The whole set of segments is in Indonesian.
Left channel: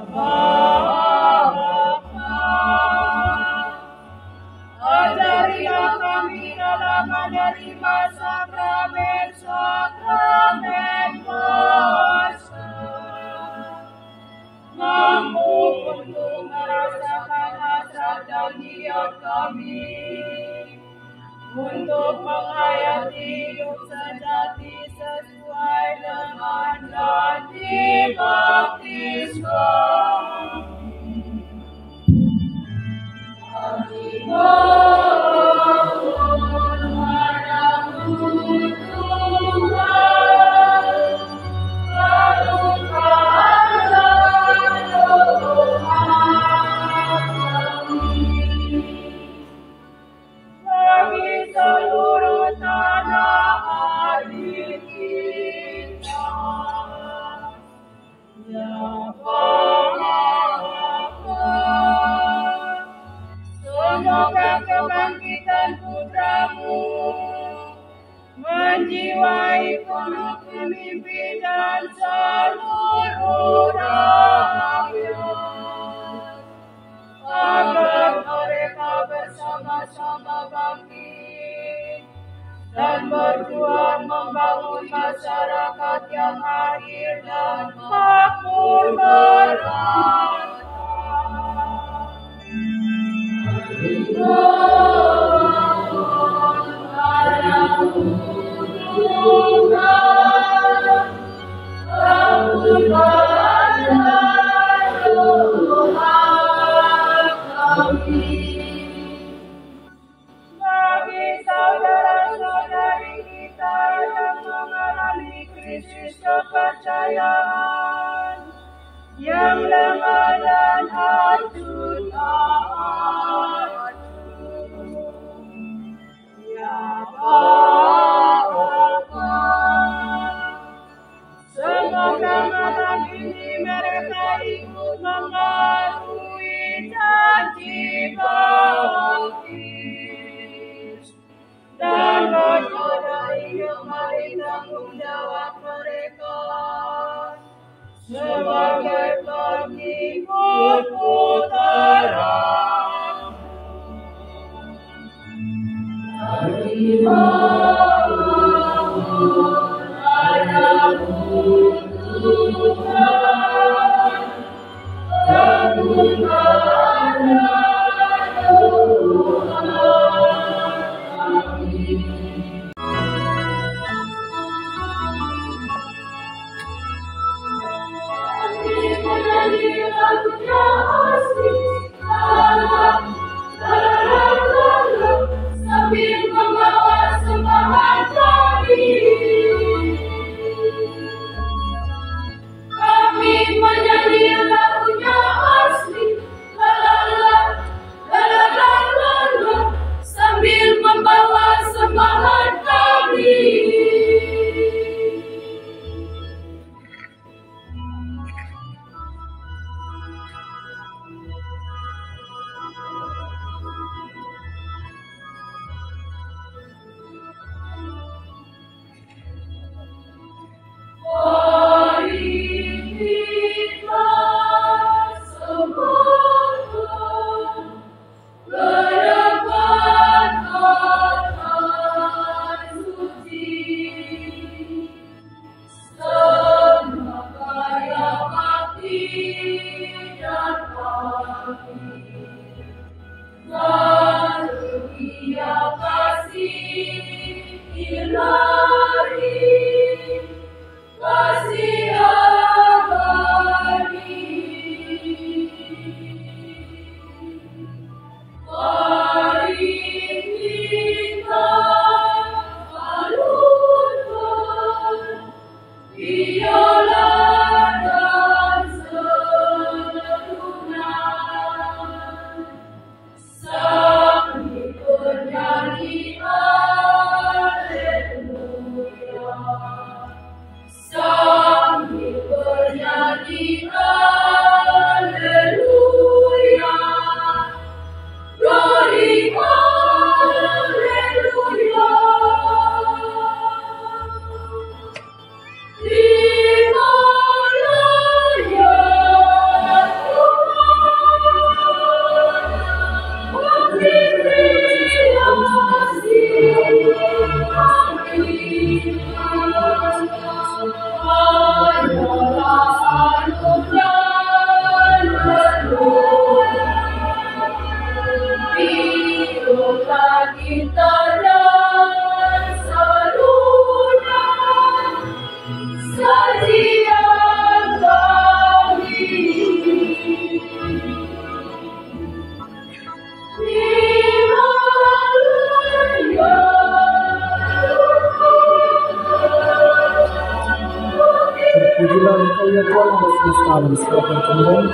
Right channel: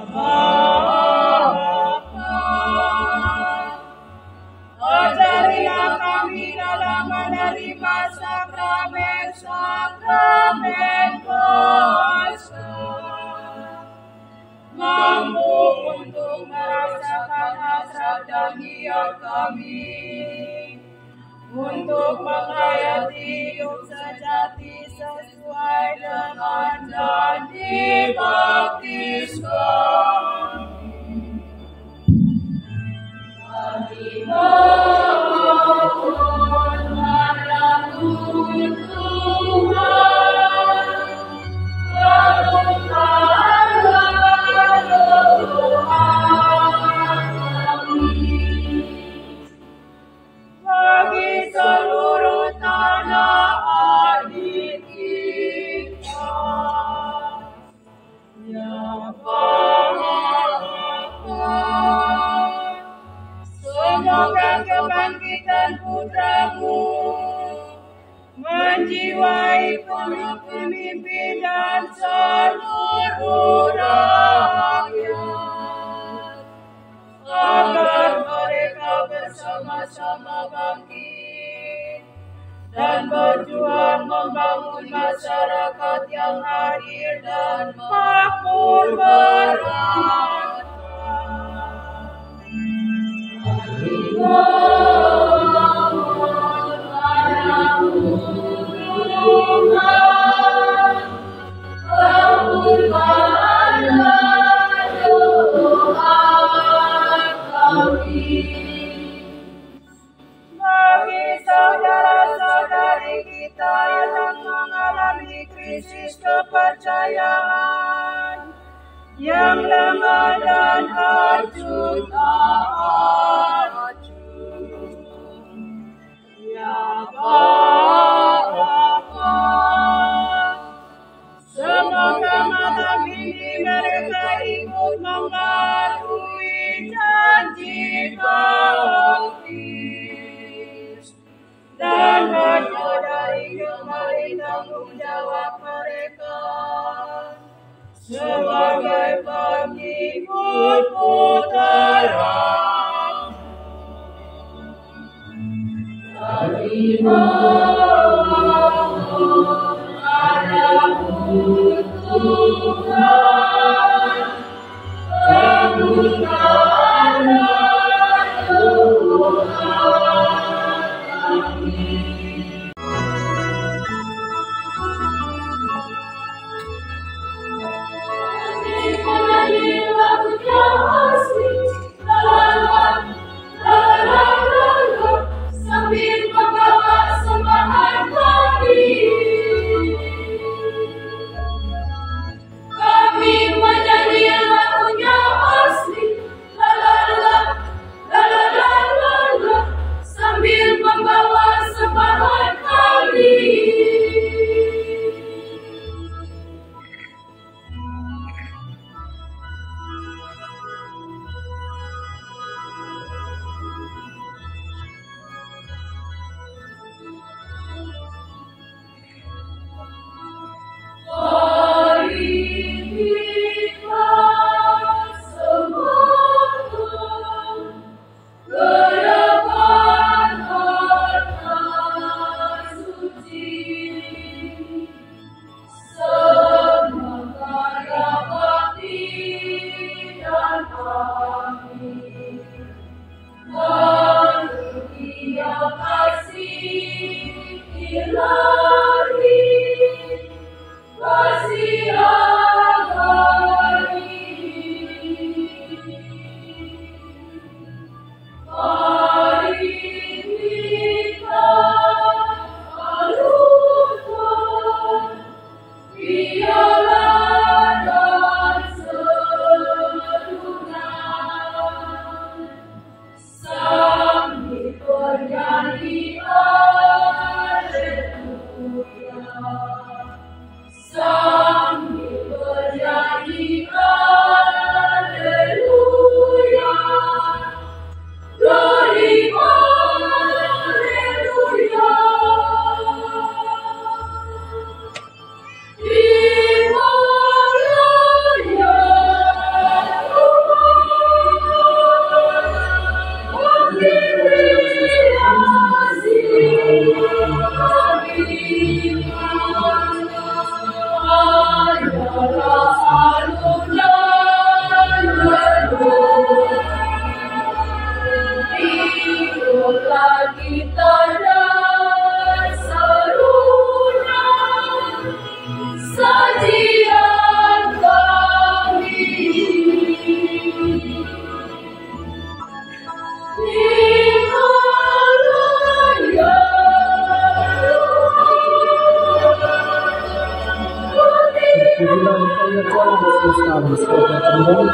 Bapa, ajarilah kami dalam menerima sakramen-sakramen kuasa, mampu untuk merasakan hasrat dan niat kami, untuk menghayati hidup sejati sesuai dengan janji baptis kami. Kami mohon padamu Tuhan, penuhkanlah doa kami bagi seluruh tanah air kita. Ya Bapa, semoga kebangkitan putra-Mu menjiwai para pemimpin dan seluruh rakyat, agar mereka bersama-sama bangkit dan berjuang membangun masyarakat yang adil dan makmur merata. Kami mohon padamu Tuhan, kabulkanlah doa kami. Bagi saudara-saudari kita yang mengalami krisis kepercayaan, yang lemah dan hancur ya Bapa, semoga malam ini mereka ikut membarui janji baptis dan menyadari kembali tanggung jawab mereka sebagai pengikut putra-Mu. Kami mohon padamu Tuhan, kabulkanlah doa kami. Sambil membawa sembahan kami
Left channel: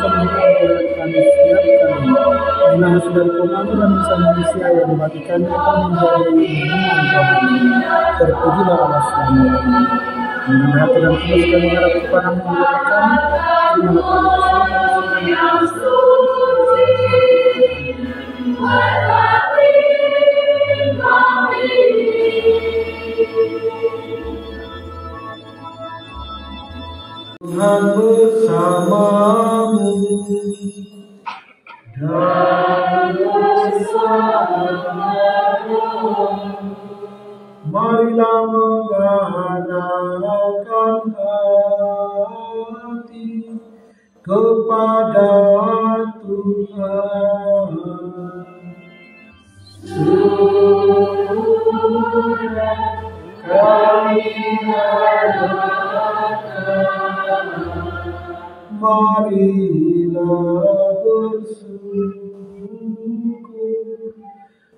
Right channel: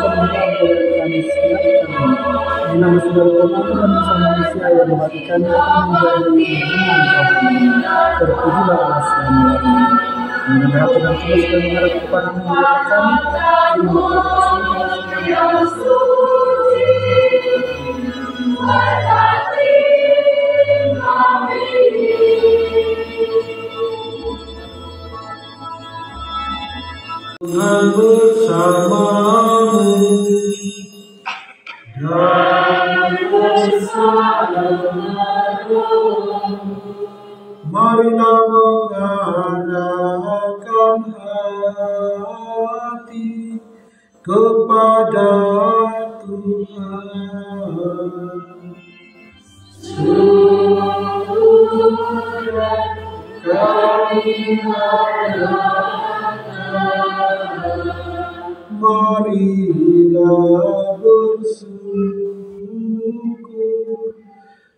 kemudian boleh kami siapkan di nama saudara komando dan bangsa manusia yang membagikannya akan menjadi renungan rohani. Terpujilah Allah selama-lamanya. Dengan hati dan tulus kami mengharap kepadamu ya kami, di mana kami Tuhan bersamamu dan bersamamu. Marilah mengadakan hati kepada Tuhan. Sudah kami marilah bersyukur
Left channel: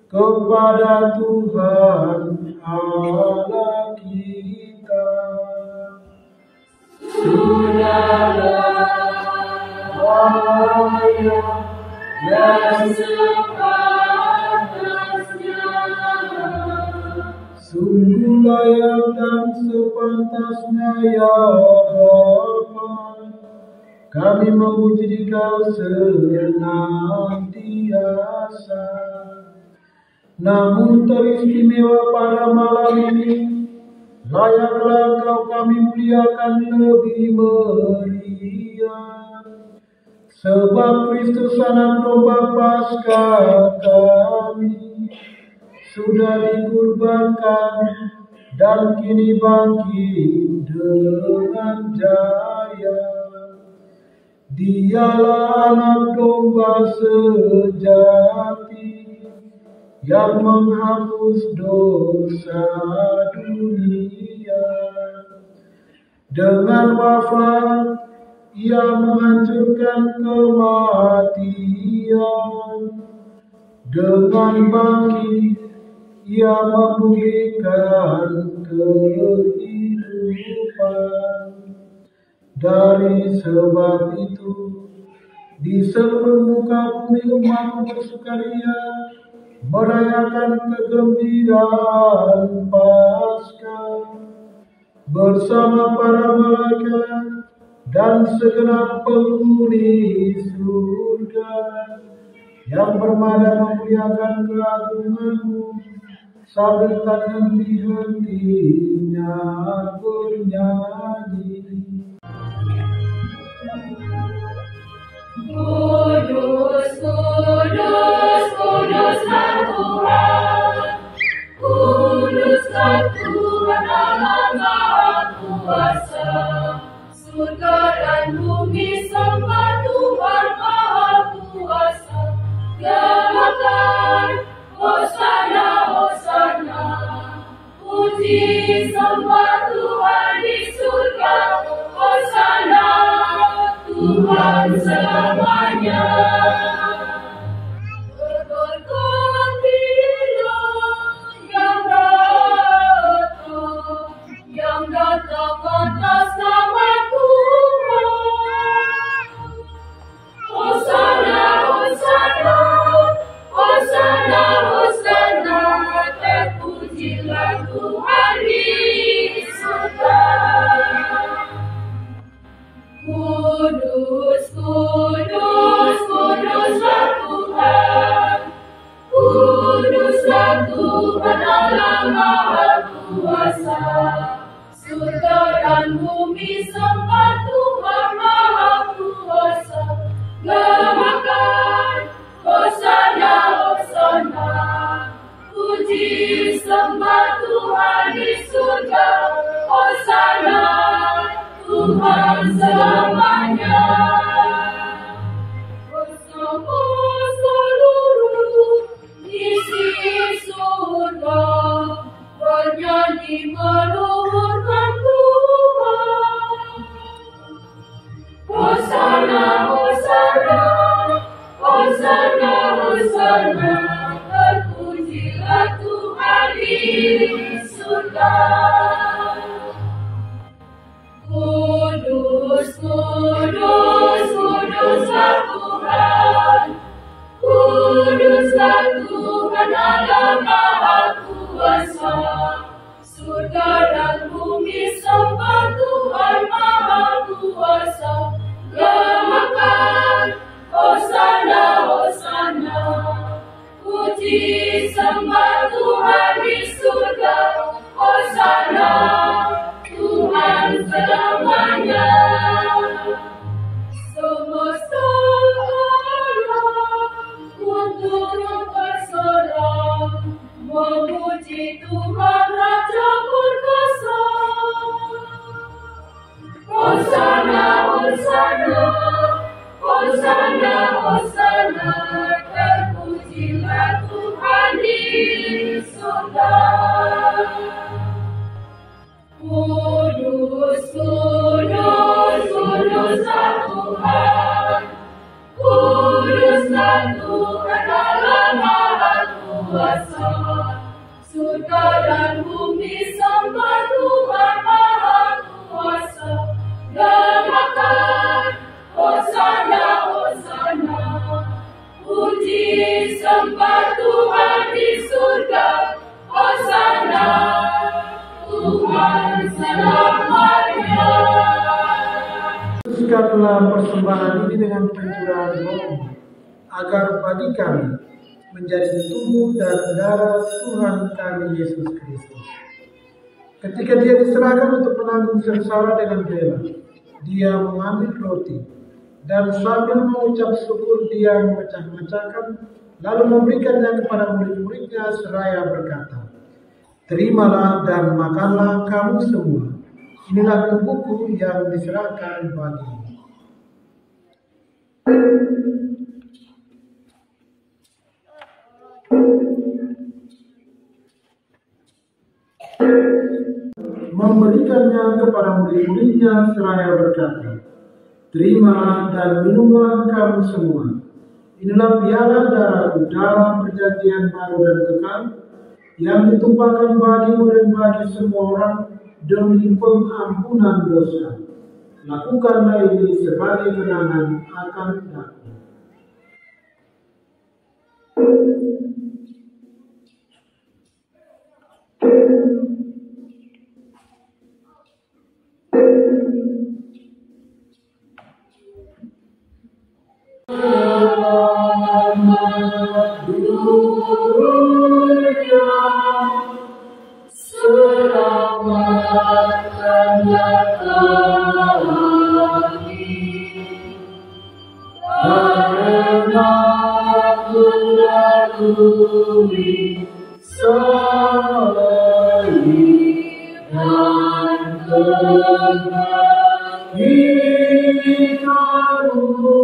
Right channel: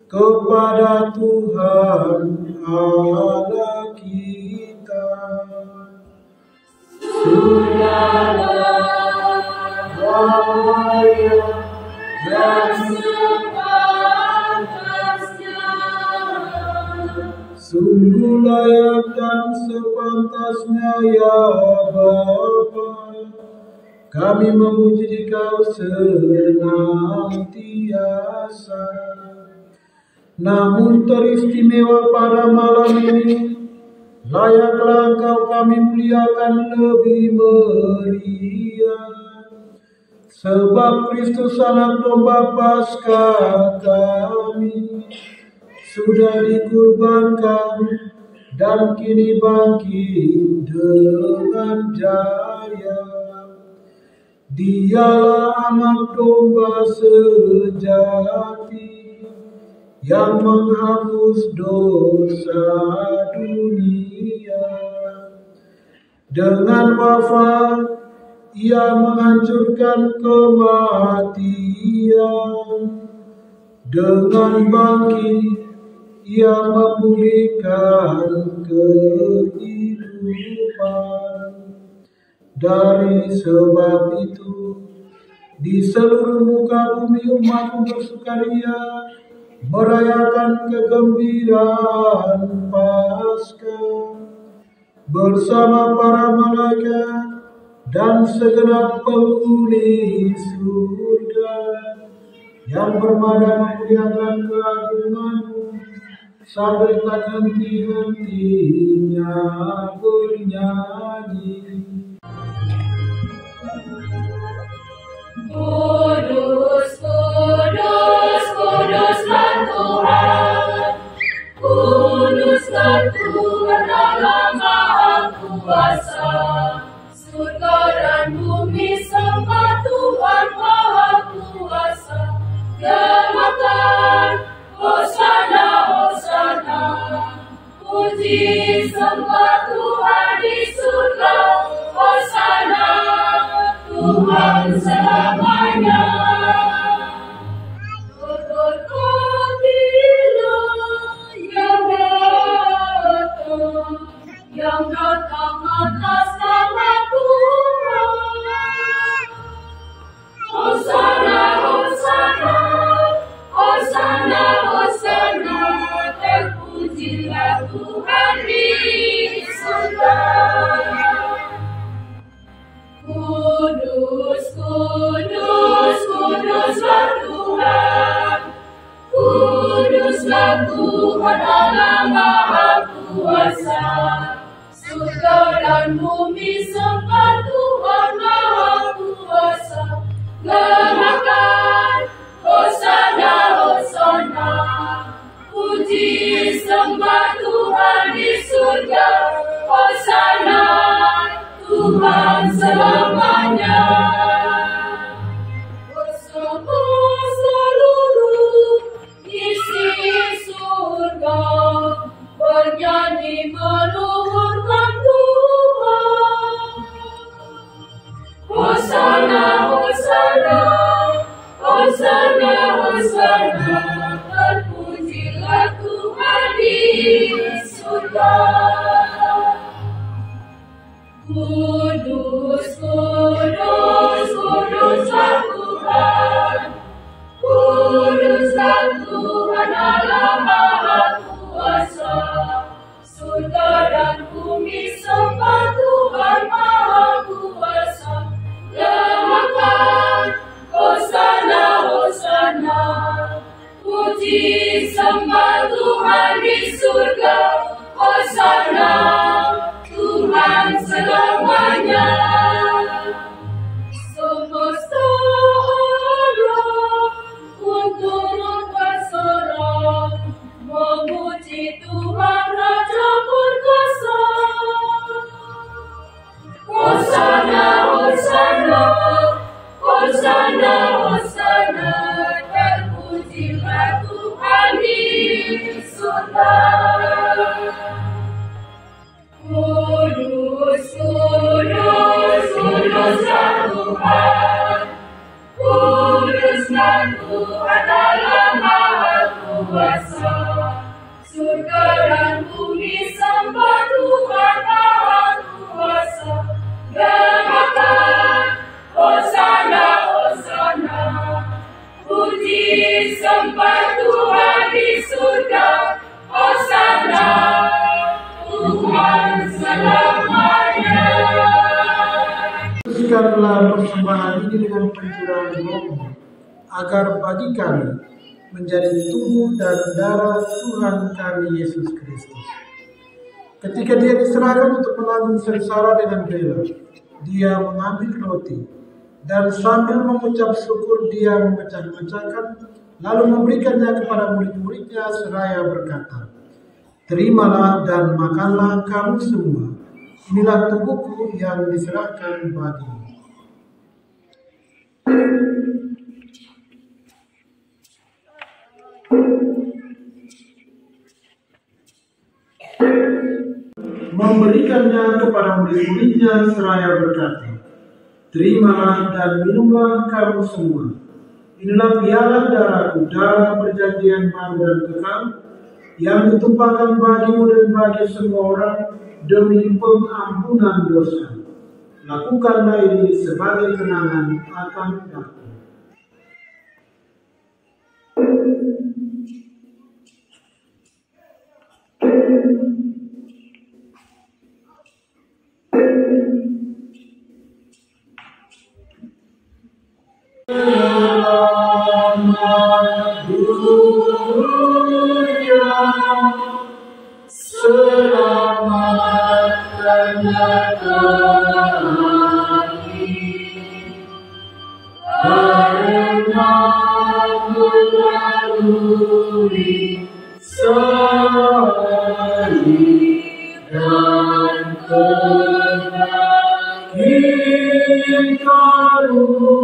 kepada Tuhan Allah kita. Sudahlah layak dan sepantasnya, sungguh layak dan sepantasnya ya Bapa, kami memuji Dikau senantiasa. Namun teristimewa pada malam ini, layaklah Engkau kami muliakan lebih meriah, sebab Kristus anak domba Paskah kami sudah dikurbankan dan kini bangkit dengan jaya. Dialah anak domba sejati yang menghapus dosa dunia. Dengan wafat Ia menghancurkan kematian, dengan bangkit Ia memulihkan kehidupan. Dari sebab itu, di seluruh muka bumi umat bersukaria merayakan kegembiraan Paskah bersama para malaikat dan segenap penghuni surga yang bermadam memuliakan keagungan-Mu sambil tak henti-hentinya bernyanyi. Kudus, kudus, kuduslah Tuhan. Kuduslah Tuhan Allah Maha Kuasa. Surga dan bumi sembah Tuhan Maha Kuasa. Gemakan, Hosana, Hosana. Puji sembah Tuhan di surga. Hosana Tuhan selamanya. Berkatilah yang datang atas nama Tuhan. Hosana, Hosana, Hosana, Hosana. Terpujilah Tuhan di surga. Kudus, kudus, kuduslah Tuhan. Kuduslah Tuhan Allah Maha Kuasa. Surga dan bumi sembah Tuhan Maha Kuasa. Gemakan, Hosana, Hosana. Puji sembah Tuhan di surga. Hosana Tuhan selamanya. Bersama seluruh isi surga bernyanyi meluhurkan Tuhan. Hosana, Hosana, Hosana, Hosana. Terpujilah Tuhan di surga. Kudus, Puji sembah Tuhan di surga, Hosana Tuhan selamanya. Semesta alam pun turut bersorak, memuji Tuhan Raja berkuasa. Hosana, Hosana, Hosana, Hosana, terpujilah Tuhan di surga. Kudus, kudus, kuduslah Tuhan, kuduslah Tuhan Allah Maha Kuasa. Surga dan bumi sembah Tuhan Maha Kuasa. Gerakan Hosana, Hosana, puji sembah Tuhan di surga, Hosana Tuhan selamanya. Teruskanlah persembahan ini dengan pencurahan roh, agar bagi kami menjadi tubuh dan darah Tuhan kami Yesus Kristus. Ketika dia diserahkan untuk menanggung sengsara dengan bela, dia mengambil roti dan sambil mengucap syukur dia memecah-mecahkan, lalu memberikannya kepada murid-muridnya seraya berkata, "Terimalah dan makanlah kamu semua. Inilah tubuhku yang diserahkan bagimu." Memberikannya kepada murid-muridnya seraya berkata, "Terimalah dan minumlah kamu semua. Inilah piala darahku, darah perjanjian baru dan kekal, yang ditumpahkan bagimu dan bagi semua orang demi pengampunan dosa. Lakukanlah ini sebagai kenangan akan aku." Selamat dunia, selamatkanlah kami, karena melalui salib dan kebangkitanmu,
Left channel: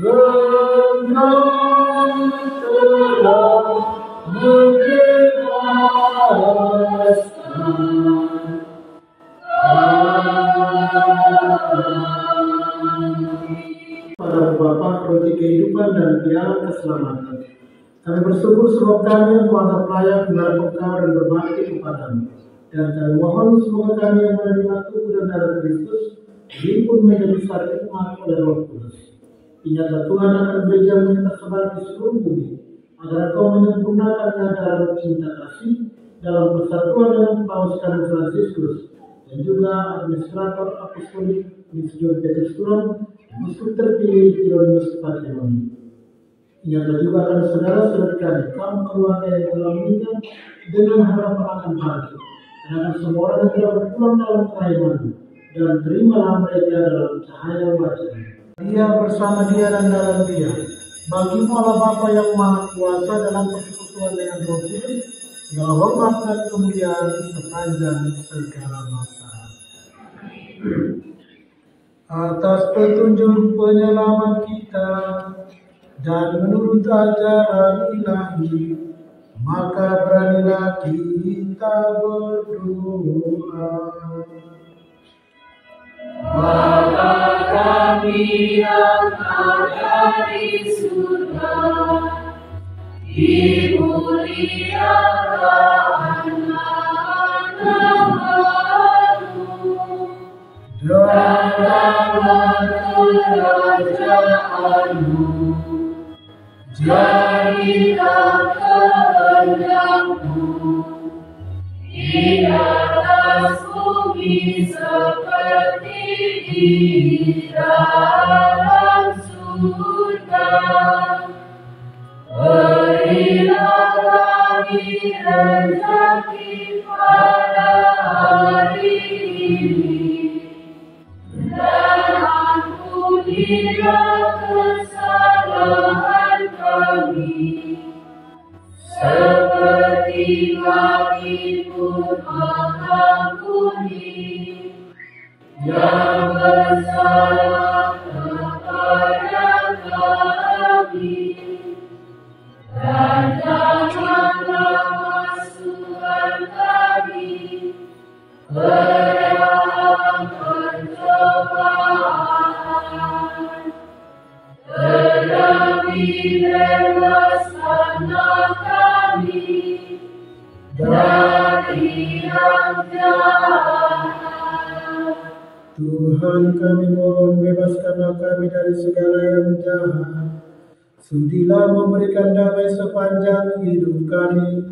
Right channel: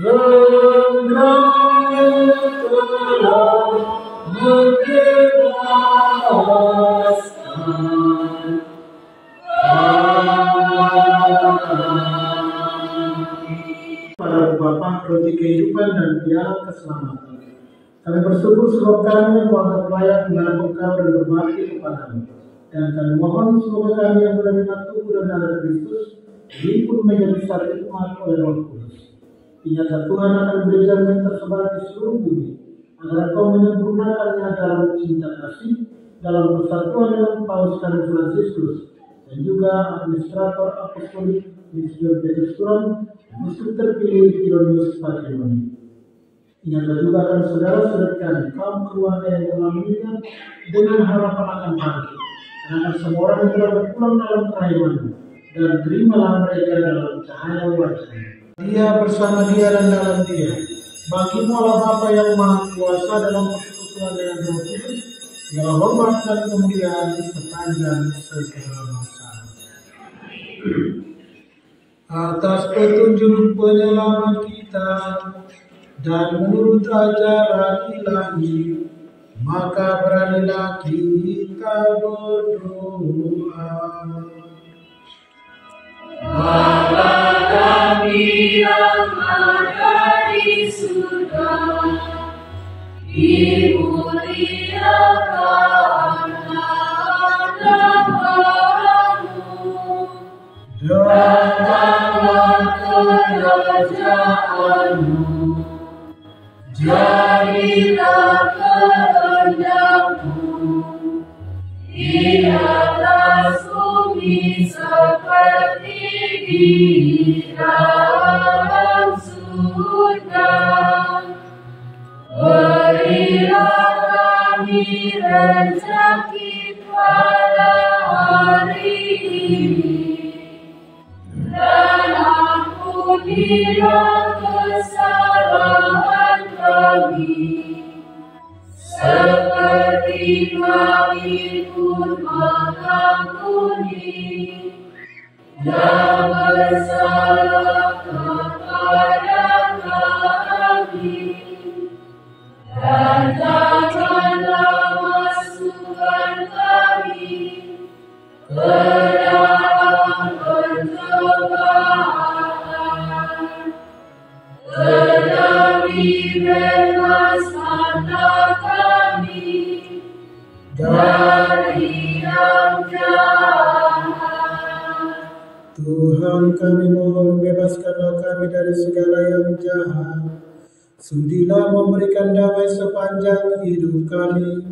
Engkau telah membebaskan kami. Pada Bapa, roti kehidupan dan piala keselamatan, kami bersyukur sebab kami yang kuanggap layak menghadap Engkau dan berbakti kepadamu. Dan kami mohon semoga kami yang menerima tubuh dan darah Kristus dihimpun menjadi satu umat oleh Roh Kudus. Ingatlah Tuhan akan gereja-Mu yang tersebar di seluruh bumi, agar Kau menyempurnakannya dalam cinta kasih, dalam persatuan dengan Paus Kardinal Fransiskus, dan juga administrator apostolik Monsignor Petrus Turon, Uskup terpilih Hieronymus Patrimony. Ingatlah juga akan saudara-saudara kami, kaum keluarga yang telah meninggal dengan harapan akan bangkit, dan akan semua orang yang telah berpulang dalam kerahiman-Mu, dan terimalah mereka dalam cahaya wajah-Mu. Dia bersama dia dan dalam dia. Bagi-Mu Allah Bapa yang Maha Kuasa dalam persekutuan dengan Roh Kudus, segala hormat dan kemuliaan sepanjang segala masa. Atas petunjuk penyelamat kita dan menurut ajaran ilahi, maka beranilah kita berdoa. Bapa kami yang ada di surga, dimuliakan nama-Mu, datanglah kerajaan-Mu, jadilah kehendak-Mu di atas bumi seperti di dalam surga. Ampunilah kesalahan kami, seperti kami pun mengampuni yang bersalah kepada kami. Dan janganlah masukkan kami ke dalam pencobaan, tetapi bebaskanlah kami dari yang jahat. Tuhan kami mohon, bebaskanlah kami dari segala yang jahat. Sudilah memberikan damai sepanjang hidup kami,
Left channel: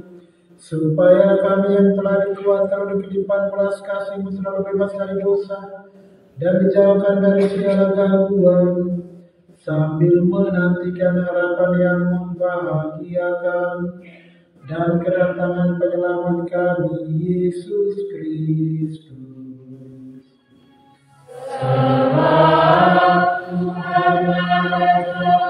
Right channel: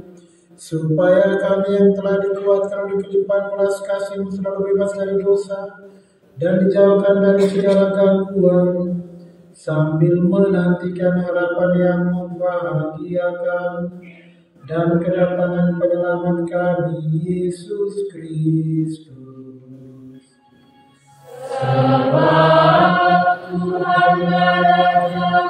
supaya kami yang telah dikuatkan oleh kelimpahan belas kasih-Mu selalu bebas dari dosa dan dijauhkan dari segala gangguan, sambil menantikan harapan yang membahagiakan dan kedatangan penyelamat kami, Yesus Kristus. Sebab Tuhanlah Raja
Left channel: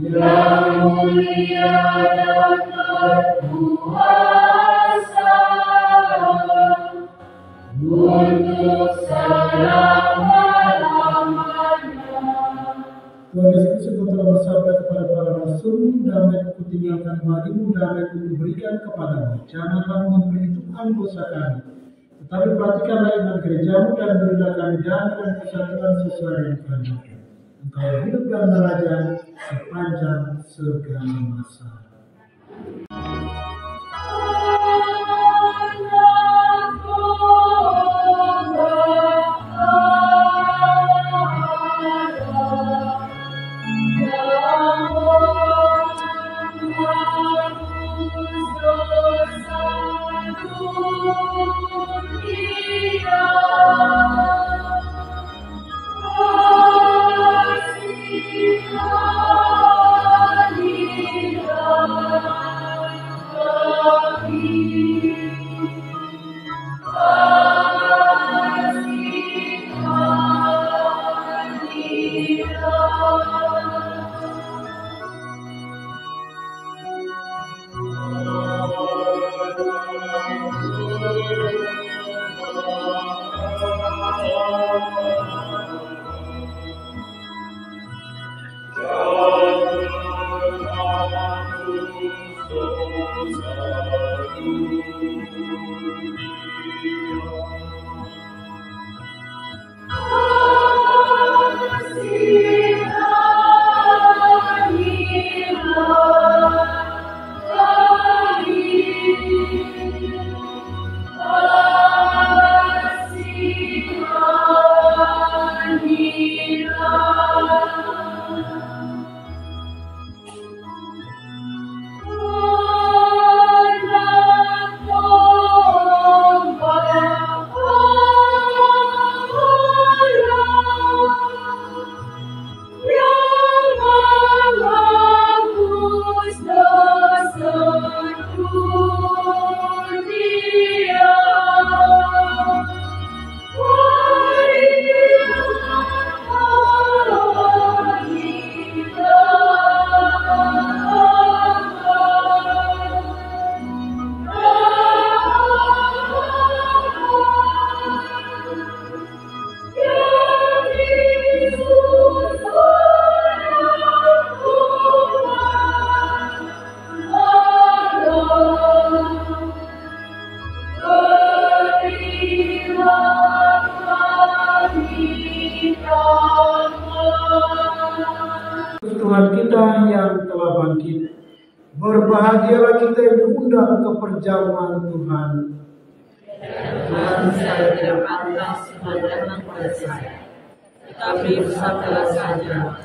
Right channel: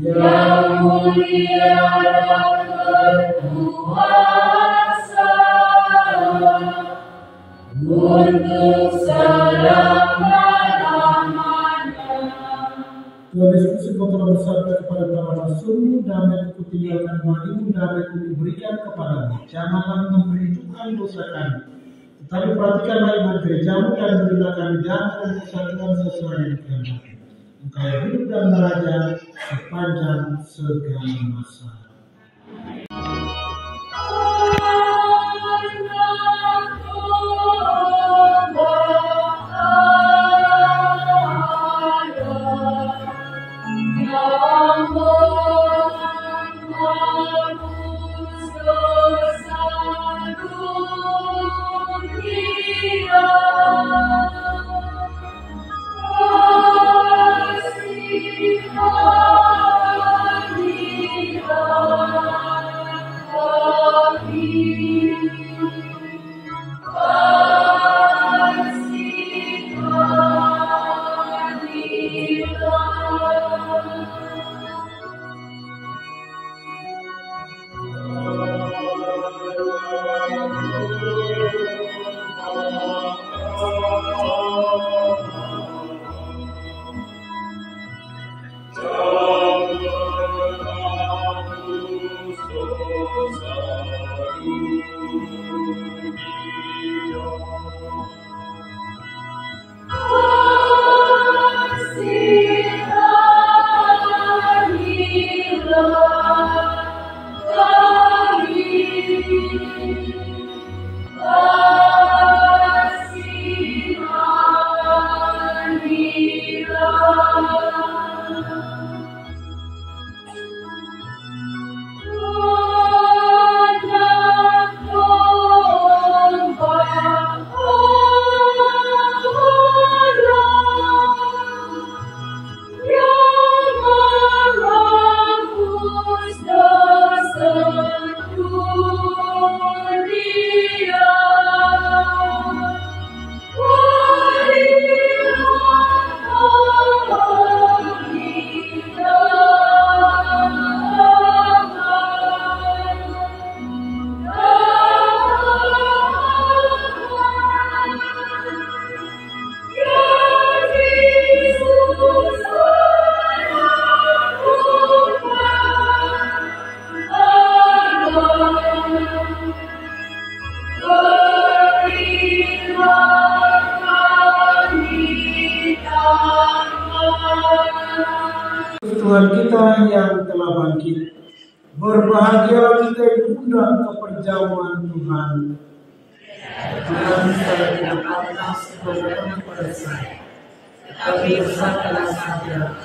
yang mulia dan berkuasa untuk selama-lamanya. Tuhan Yesus, Engkau telah bersabda kepada para rasul, damai ku tinggalkan bagimu, damai ku berikan kepadamu. Janganlah memperhitungkan dosa kami, tetapi perhatikanlah iman gerejamu dan berilah kami damai dan kesatuan sesuai yang dikehendaki. Engkau hidup dan meraja sepanjang segala masa. Tuhan kita yang telah bangkit, berbahagialah kita yang diundang ke perjamuan Tuhan. Tuhan, saya tidak pantas bertemu kepada saya, tetapi bersabdalah saja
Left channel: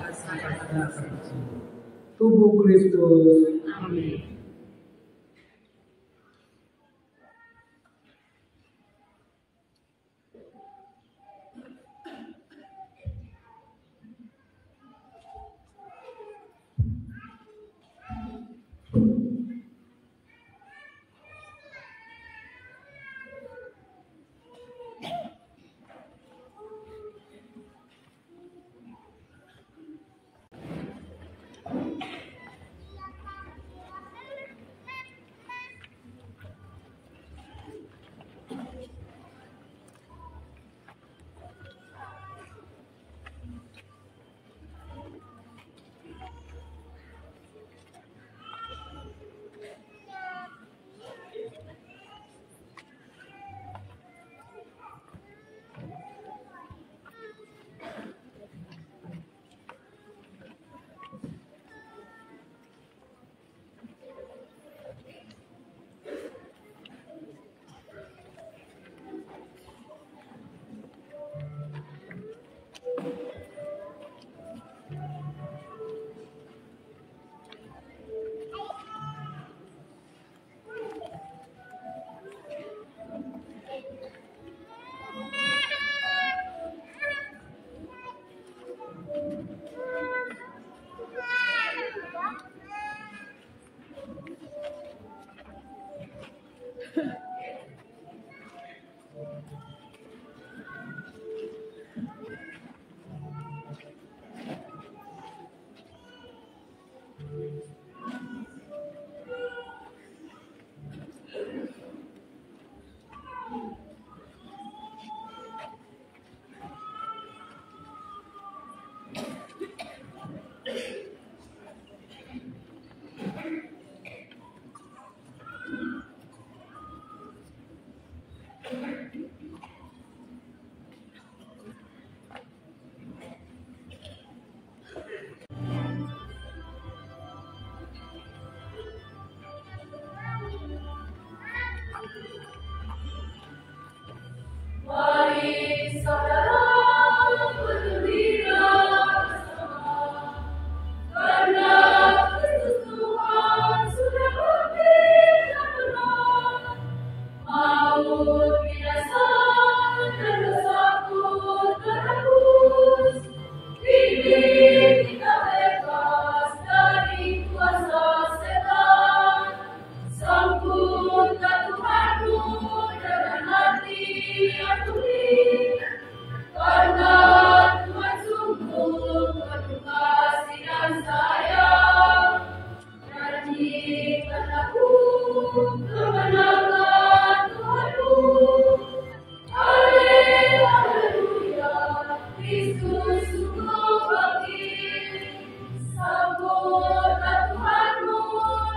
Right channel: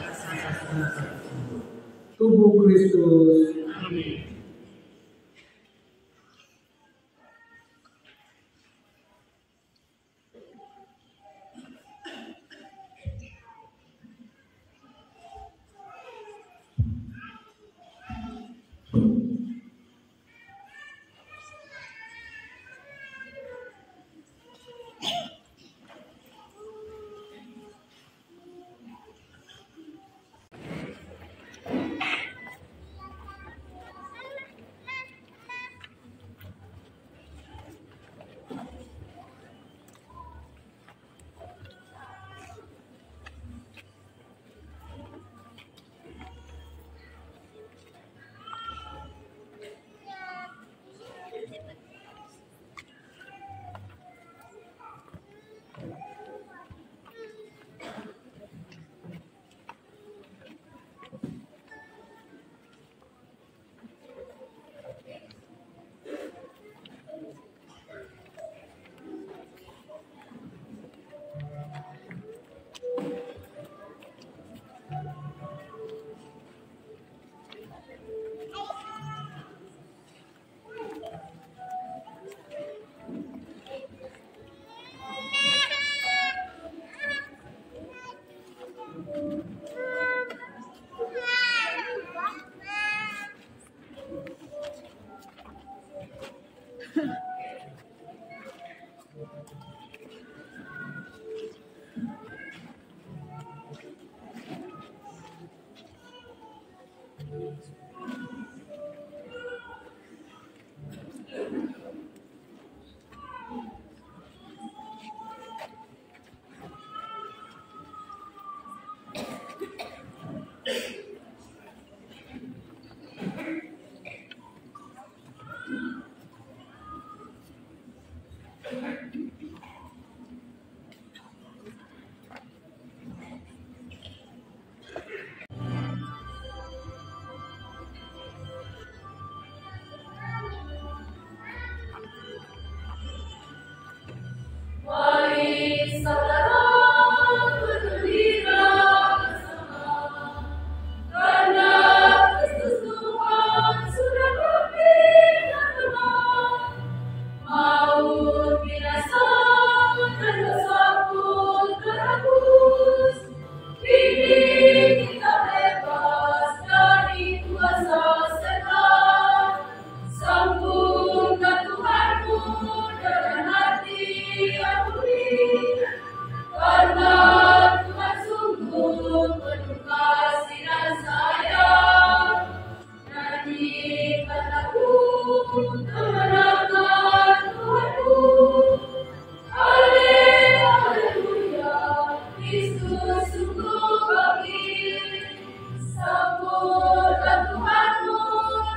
tubuh Kristus. Amin. Mari saudara berdirilah bersama, karena Kristus Tuhan sudah berbina benar. Maut binasa dan dosa pun terhapus. Kini kita bebas dari kuasa setan. Sambutlah Tuhanmu dengan hati yang murni, karena Tuhan sungguh penuh kasih dan sayang. Nyanyikan lagu kemenangan Tuhanmu. Haleluya, Kristus sungguh bangkit. Sambutlah Tuhanmu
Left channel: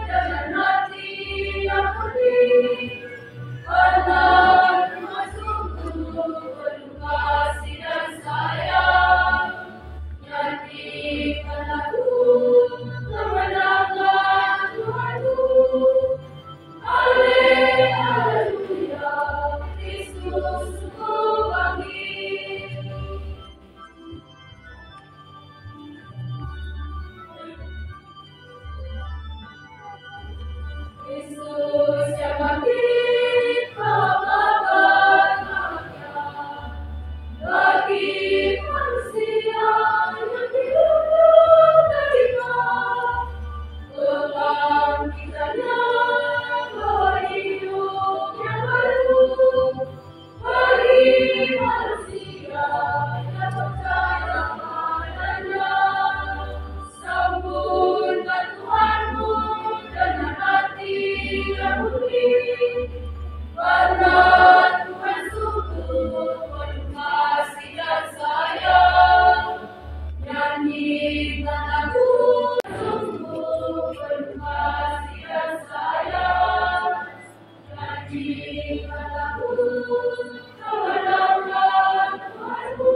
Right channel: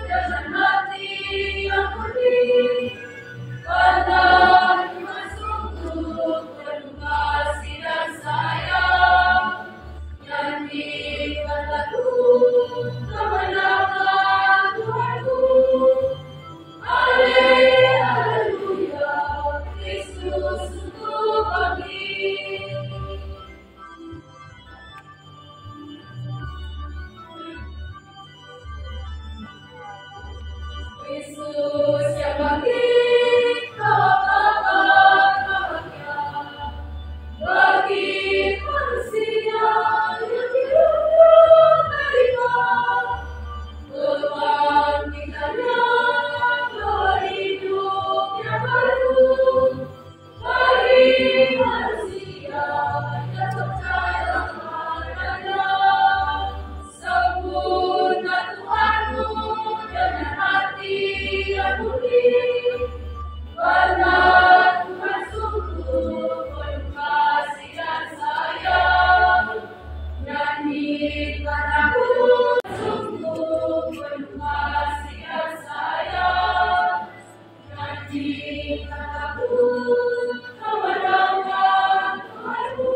dengan hati yang murni, karena Tuhan sungguh penuh kasih dan sayang. Nyanyikan lagu kemenangan Tuhanmu. Haleluya, Kristus sungguh bangkit. Yesus yang bangkit bawa kabar bahagia bagi manusia yang hidupnya terikat. Kebangkitannya bawa hidup yang baru bagi manusia yang percaya padanya. Sambutlah Tuhanmu dengan hati yang murni, karena Tuhan sungguh penuh kasih dan sayang. Nyanyikan lagu sungguh penuh kasih dan sayang. Nyanyikan lagu kemenangan Tuhanmu.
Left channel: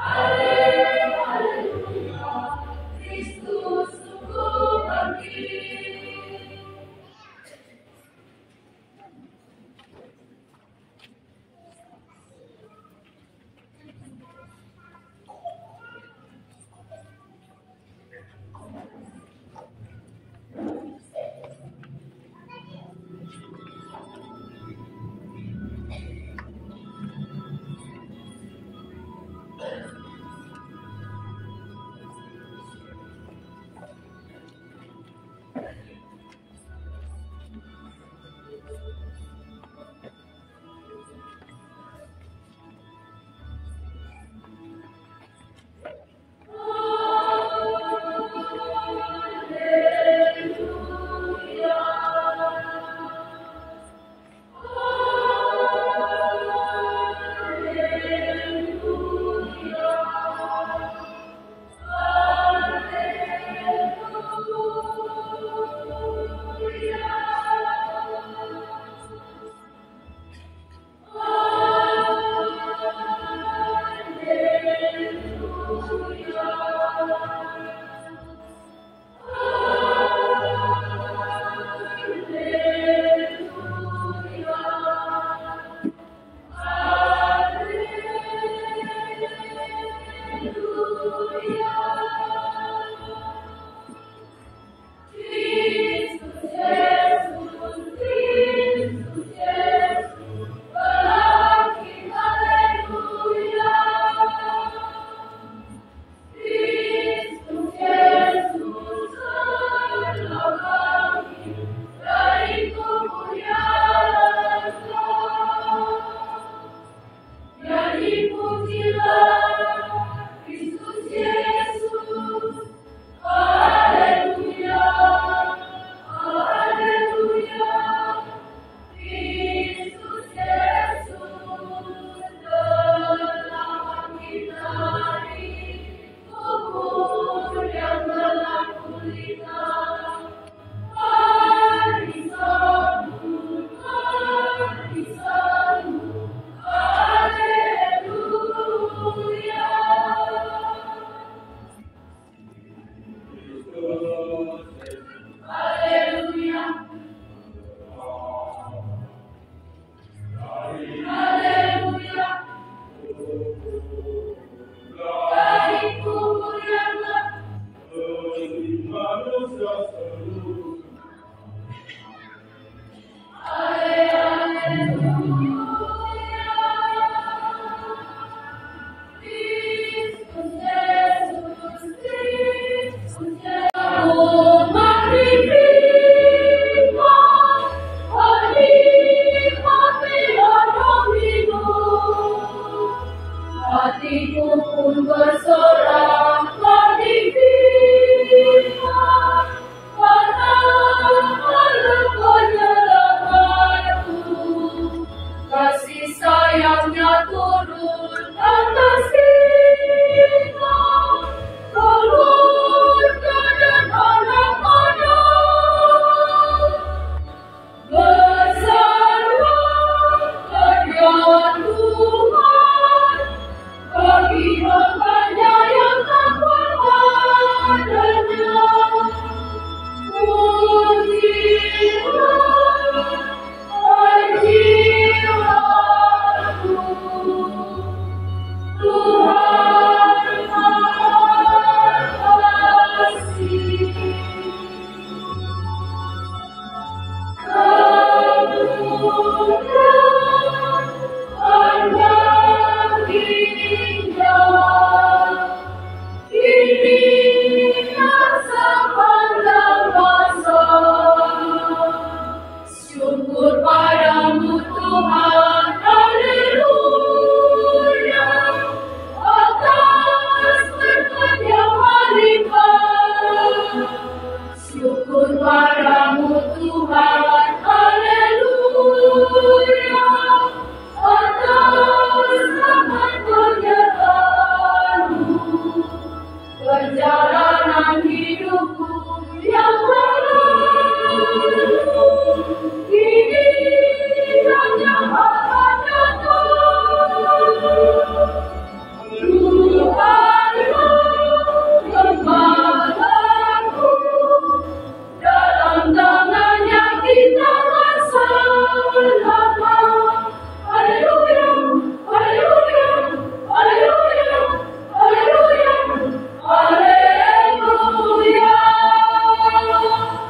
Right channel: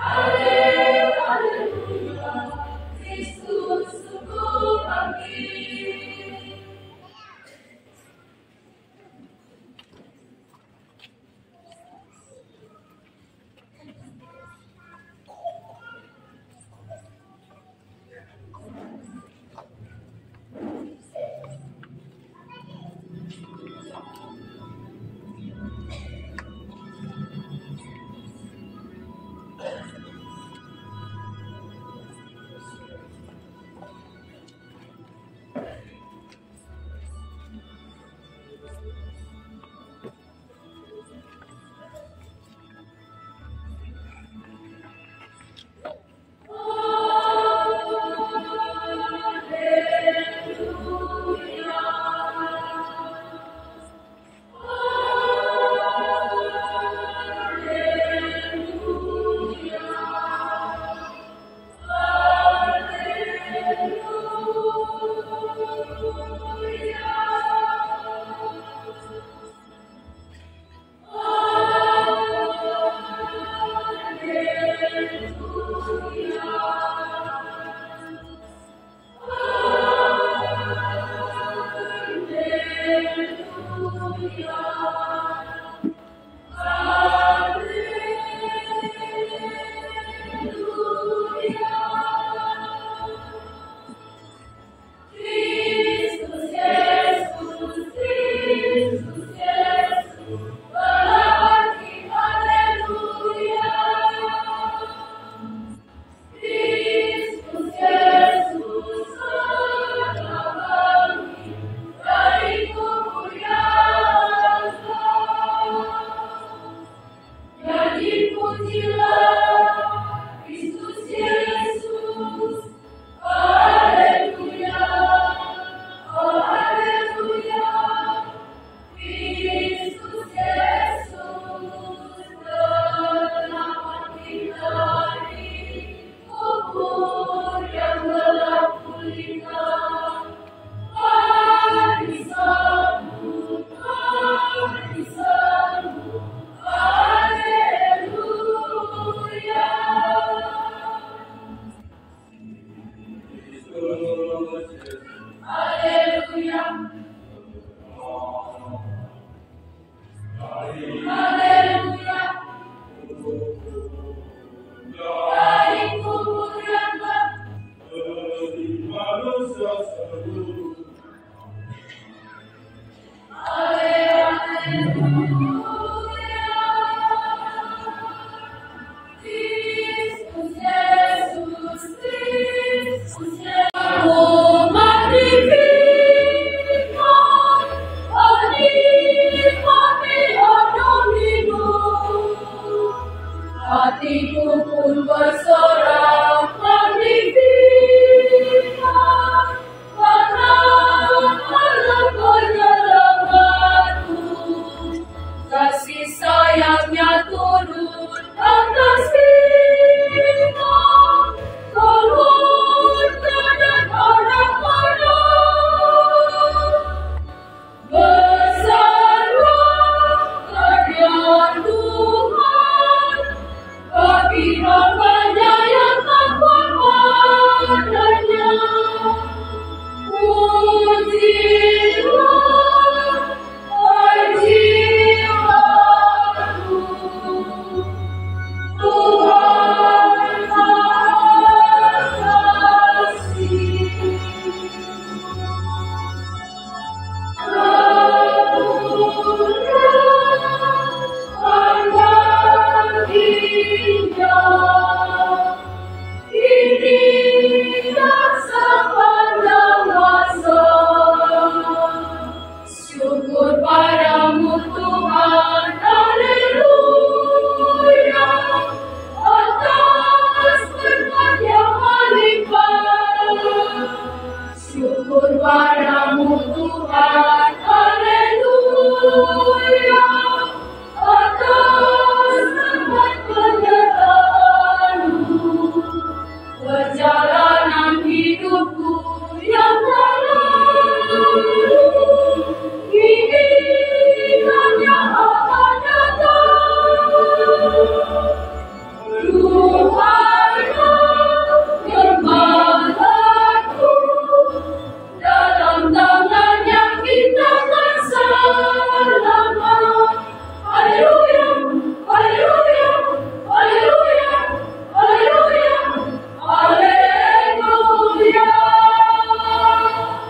Haleluya, Kristus sungguh bangkit. Haleluya. Haleluya. Dari kubur yang hatiku pun bersorak magnifikat, karena Allah penyelamatku, kasih sayangnya turun atas kita, keluarga dan anak-anak. Besarlah karya Tuhan bagi hamba-Nya yang takut padanya. Pujilah jiwaku, Tuhan Maha Kasih. Syukur padamu Tuhan, haleluya, atas berkat yang melimpah. Syukur padamu Tuhan, haleluya, atas rahmat penyertaan-Mu. Perjalanan hidupku yang lalu kini hanya akan datang. Tuhanlah kekuatanku, dalam tangan-Nya kita akan selamat. Haleluya, haleluya, haleluya, haleluya, haleluya.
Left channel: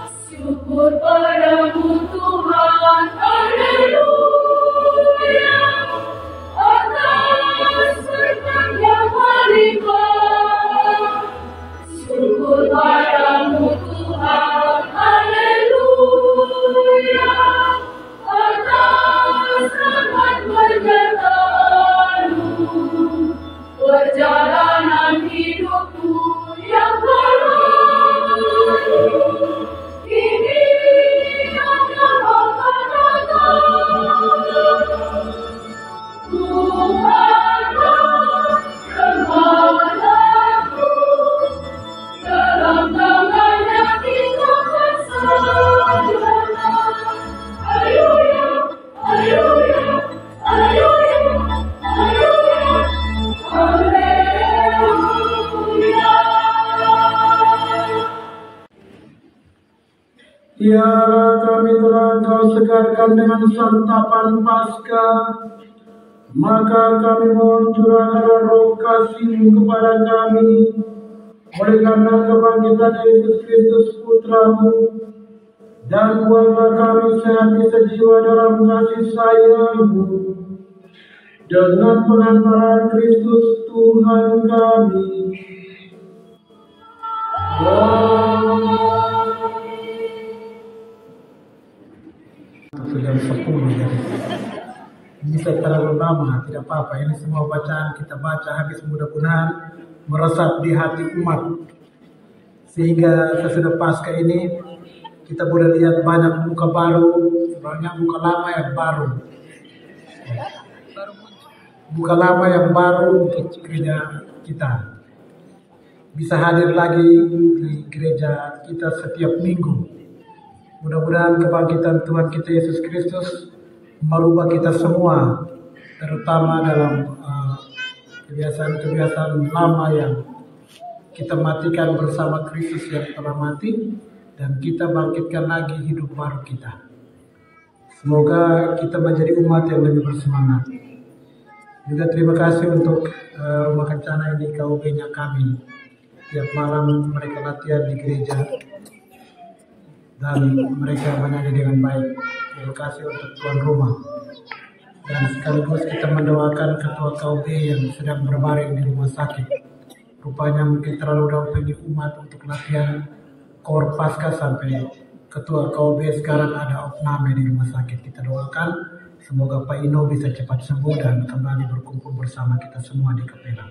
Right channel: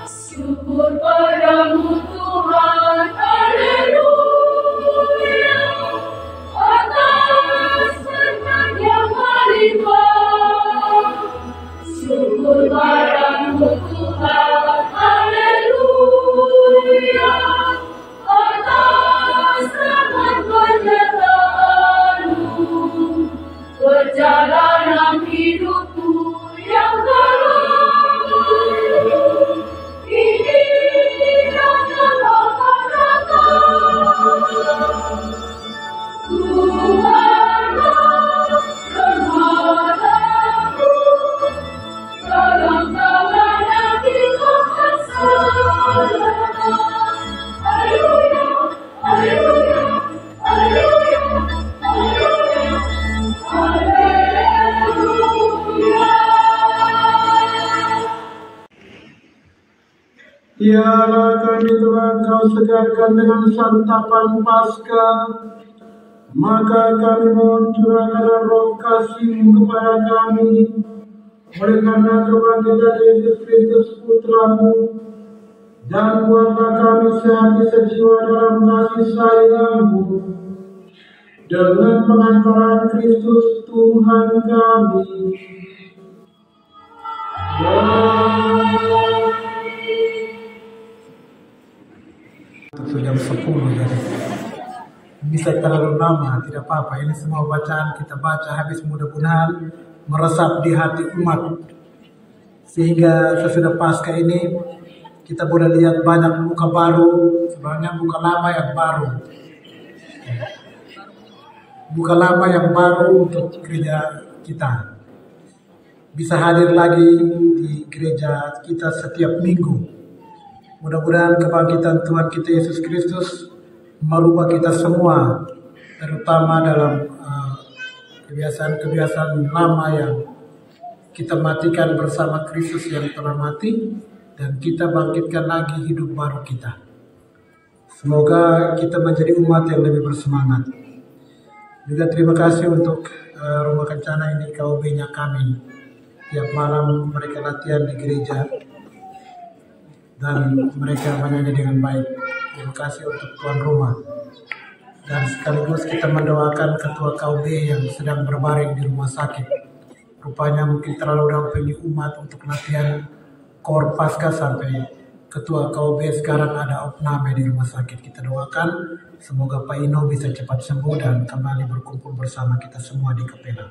Syukur padamu Tuhan, haleluya, atas berkat yang melimpah. Syukur padamu Tuhan, haleluya, atas rahmat penyertaan-Mu. Perjalanan hidupku yang lalu kini hanya akan datang. Tuhanlah kekuatanku, dalam tangan-Nya kita akan selamat. Haleluya, haleluya, haleluya, haleluya, haleluya. Biarlah kami telah Kau segarkan dengan santapan Paskah, maka kami mohon curahkanlah roh kasih-Mu kepada kami, oleh karena kebangkitan Yesus Kristus Putra-Mu, dan buatlah kami sehati sejiwa dalam kasih sayang-Mu, dengan pengantaran Kristus Tuhan kami. Sudah 10 ya. Bisa terlalu lama, tidak apa-apa. Ini semua bacaan kita baca habis, mudah-mudahan meresap di hati umat. Sehingga sesudah Paskah ini kita boleh lihat banyak muka baru, sebenarnya muka lama yang baru. Muka lama yang baru untuk gereja kita. Bisa hadir lagi di gereja kita setiap minggu. Mudah-mudahan kebangkitan Tuhan kita Yesus Kristus merubah kita semua, terutama dalam kebiasaan-kebiasaan lama yang kita matikan bersama Kristus yang telah mati, dan kita bangkitkan lagi hidup baru kita. Semoga kita menjadi umat yang lebih bersemangat. Juga terima kasih untuk Rumah Kencana ini, KUB-nya kami. Tiap malam mereka latihan di gereja dan mereka menyanyi dengan baik. Terima kasih untuk tuan rumah. Dan sekaligus kita mendoakan ketua KUB yang sedang berbaring di rumah sakit. Rupanya mungkin terlalu dampingi umat untuk latihan Kor Pasca sampai ketua KUB sekarang ada opname di rumah sakit. Kita doakan semoga Pak Ino bisa cepat sembuh dan kembali berkumpul bersama kita semua di Kepela.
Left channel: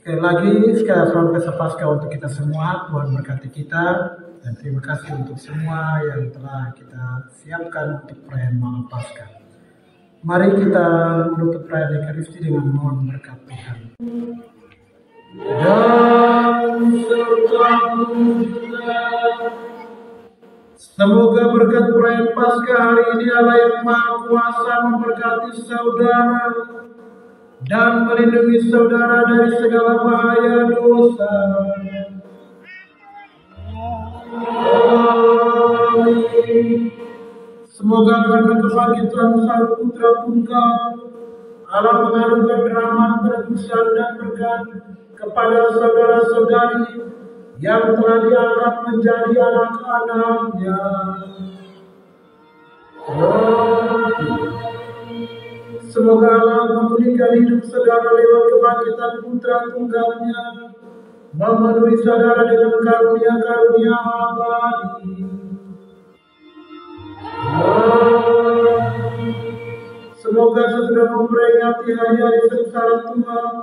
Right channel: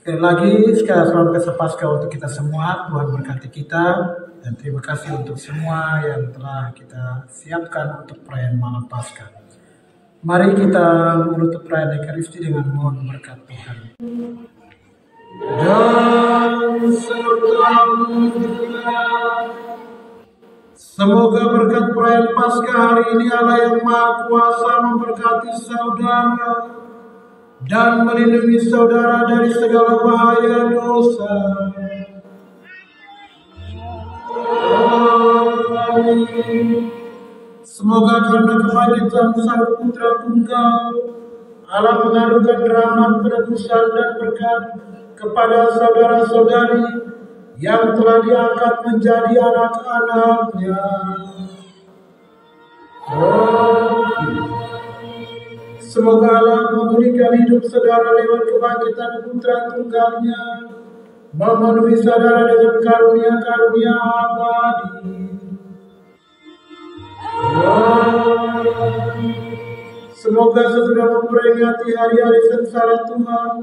Sekali lagi, selamat Pesta Pasca untuk kita semua. Tuhan berkati kita. Dan terima kasih untuk semua yang telah kita siapkan untuk perayaan malam Paskah. Mari kita menutup perayaan Ekaristi dengan mohon berkat Tuhan. Dan sertamu juga. Semoga berkat perayaan Paskah hari ini Allah yang Maha Kuasa memberkati saudara dan melindungi saudara dari segala bahaya dosa. Amin. Semoga karena kebangkitan Sang Putra Tunggal, Allah mengaruniakan rahmat, penebusan dan berkat kepada saudara-saudari yang telah diangkat menjadi anak-anaknya. Semoga Allah memulihkan hidup saudara lewat kebangkitan Putra Tunggalnya, memenuhi saudara dengan karunia-karunia abadi. Semoga sesudah memperingati hari-hari sengsara Tuhan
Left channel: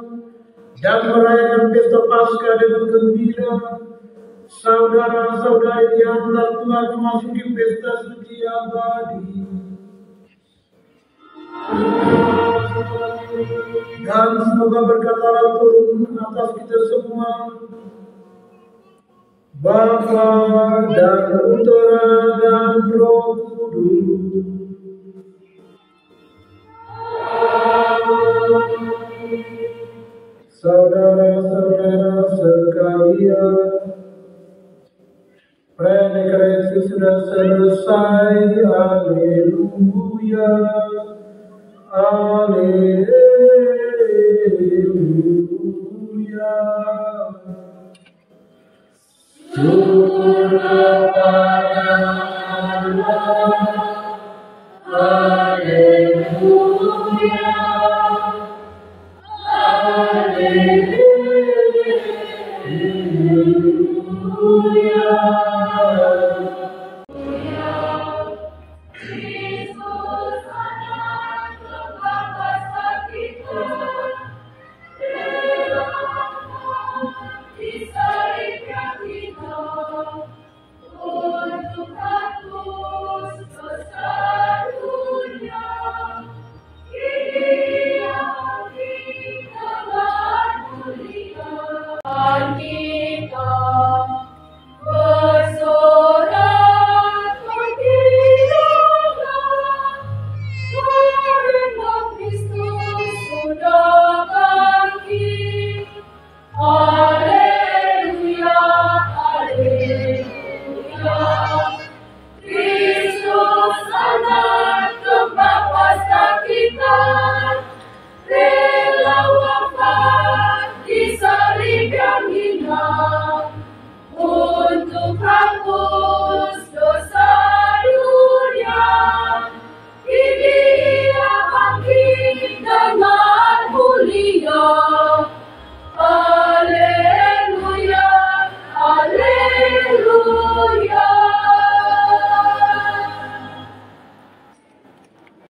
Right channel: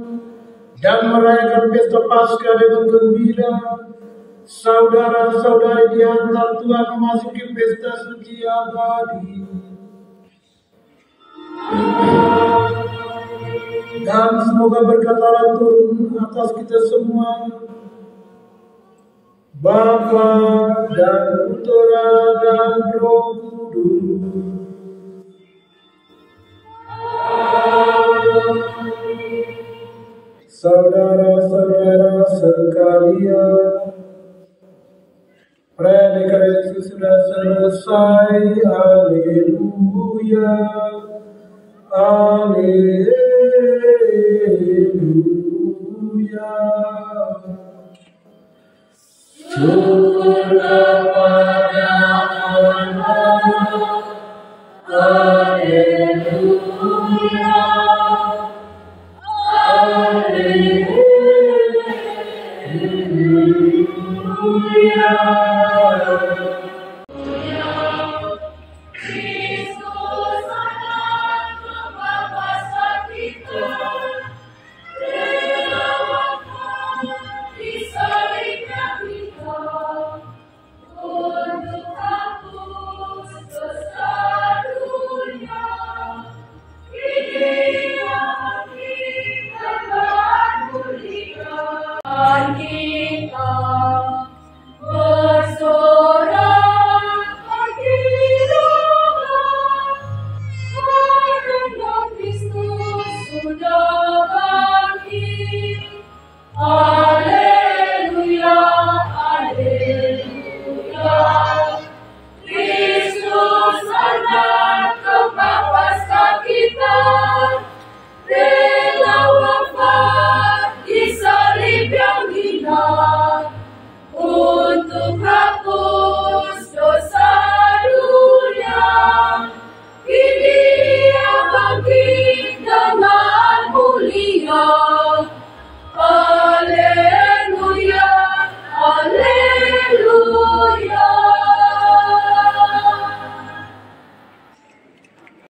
dan merayakan pesta Paskah dengan gembira, saudara-saudari diantar Tuhan memasuki pesta suci abadi. Dan semoga berkat Allah turun atas kita semua, Bapa dan Putera dan Roh Kudus. Saudara-saudara sekalian, perayaan Ekaristi sudah selesai. Haleluya, haleluya. Syukur kepada Allah. Haleluya. Kita